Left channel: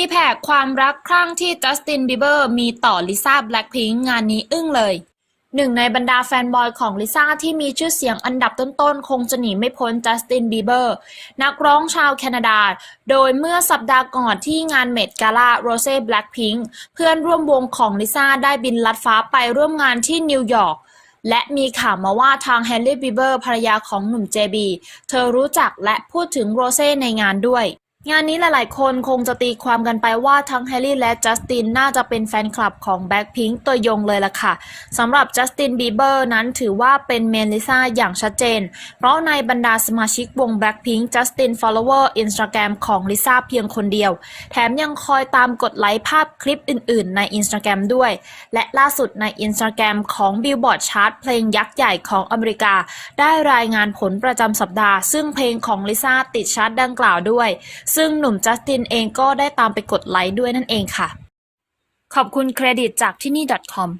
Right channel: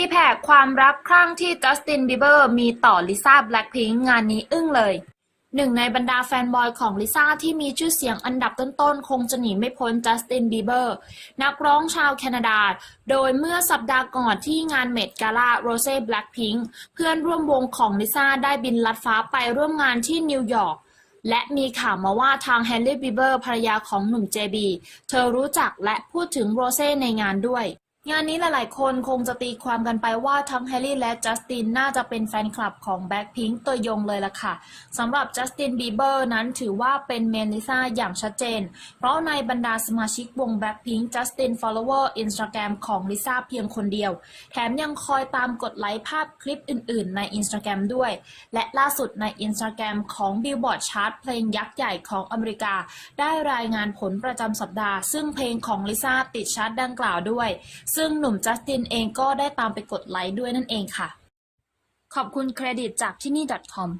ตีแผ่ความรักครั้งที่จัสตินบีเบอร์มีต่อลิซ่าแบล็คพิงค์งานนี้อึ้งเลย หนึ่งในบรรดาแฟนบอยของลิซ่าที่มีชื่อเสียงอันดับต้นๆ คงจะหนีไม่พ้นจัสตินบีเบอร์นักร้องชาวแคนาดา โดยเมื่อสัปดาห์ก่อนที่งานเมดกาล่าโรเซ่แบล็คพิงค์เพื่อนร่วมวงของลิซ่าได้บินลัดฟ้าไปร่วมงานที่นิวยอร์กและมีข่าวมาว่าทางแฮร์รี่บีเบอร์ภรรยาของหนุ่มเจบีเธอรู้จักและพูดถึงโรเซ่ในงานด้วย งานนี้หลาย ๆ คนคงจะตีความกันไปว่าทั้งแฮร์รี่และจัสตินน่าจะเป็นแฟนคลับของแบ็คพิง k ์ตัวยงเลยล่ะค่ะสำหรับจัสตินบีเบอร์นั้นถือว่าเป็นเมนลิซาอย่างชัดเจน เพราะในบรรดาสมาชิกวงแบ็คพิง k ์จัสติน follower Instagram ของลิซ่าเพียงคนเดียว แถมยังคอยตามกดไลค์ภาพคลิปอื่น ๆ ใน Instagram ด้วย และล่าสุดใน Instagram ของ Billboard Chart เพลงยักษ์ใหญ่ของอเมริกา ได้รายงานผลประจำสัปดาห์ ซึ่งเพลงของลิซ่าติดชาร์ตดังกล่าวด้วยซึ่งหนุ่มจัสตินเองก็ได้ตามไปกดไลค์ด้วยนั่นเองค่ะ ขอบคุณเครดิตจากที่นี่ .com